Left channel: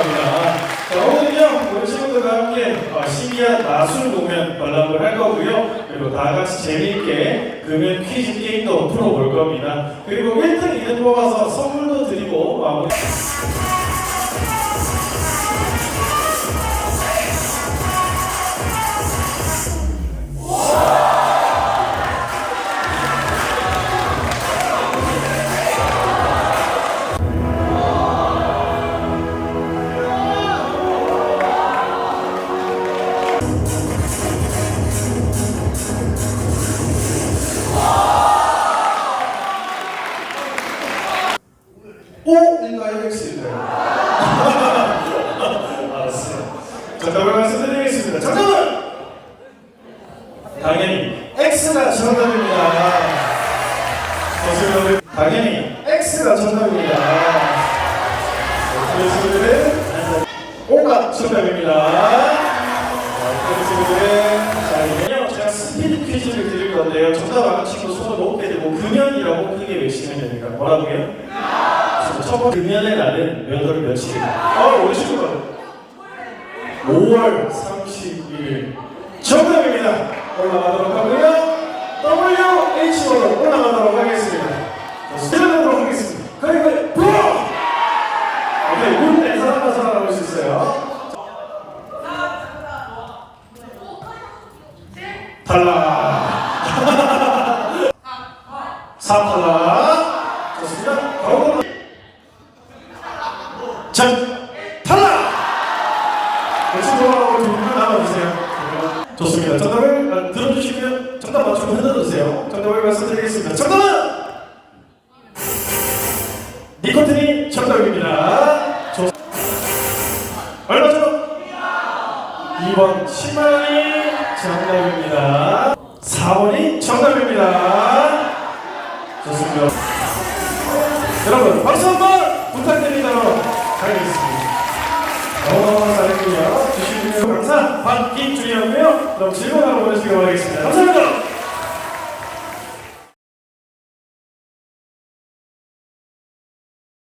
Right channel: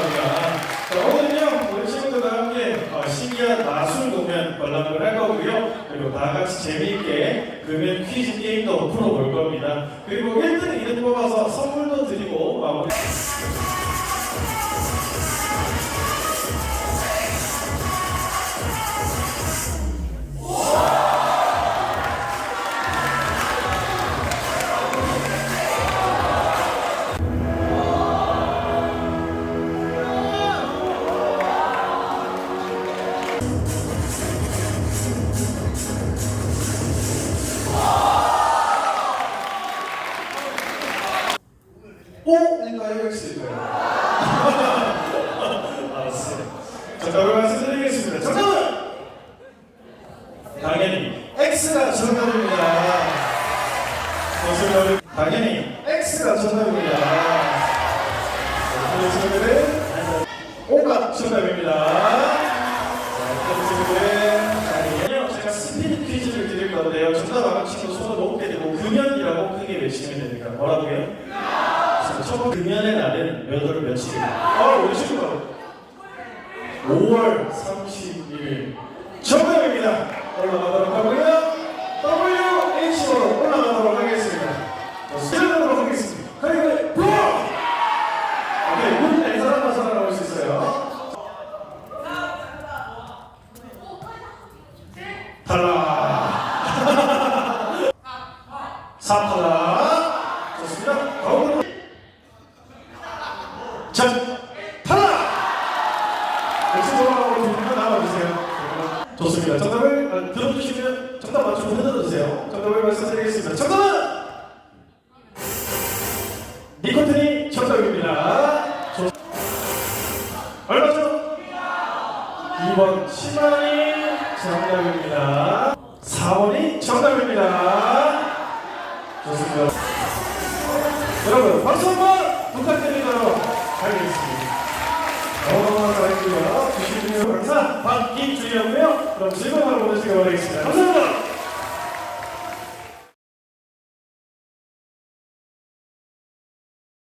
바랍니다. 자, 오늘은요, 오신분들과 함께 어, 시리아 마술 공연 관람을 할 거고요. 그리고 다 같이 재미있게 금연 퀴즈 게임도 풀어볼 겁니다. 그리고 1등 이름 뽑아서 선물도 드리고 마무리. X인가요? 알았어요. 자, 말씀드리겠습니다. 잠깐만! 당연히 X가 정답입니다. 당연히 X가 정답입니다. 친구들은 O가 정답입니다. 제가 스피드 퀴즈를 드릴 건데요. 정답 아는 친구 손을 높게 들고 금연이라고 크게 외치면 됩니다. 뭐라고요? 첫 금연의 날은 몇월 며칠입니까? 어, 우리 친구들. 5월 30일. 정답입니다. 올라가도록 하고요. WHO로 올라가도록 하겠습니다. 시작하도록 하겠습니다. 부어! 오케이, 우리 네 사람만 살아남을 수 있어요. 탈락. 사탈락. 좋습니다. 전 탈락! 역시 돌아오고 두분 나와주세요. 좋습니다. 정답을 어, 들어주시면 정답 맞추고 흔들어주세요. 정답을 말씀드리겠습니다. 정답은 니코틴이 정답입니다. 좋... 얼마죠? 2번 10만원이 정답입니다. 4번이 정답입니다. 좋습니다. 여러분 박수 한번 너무 즐거운 하루 보내시기 바라겠습니다.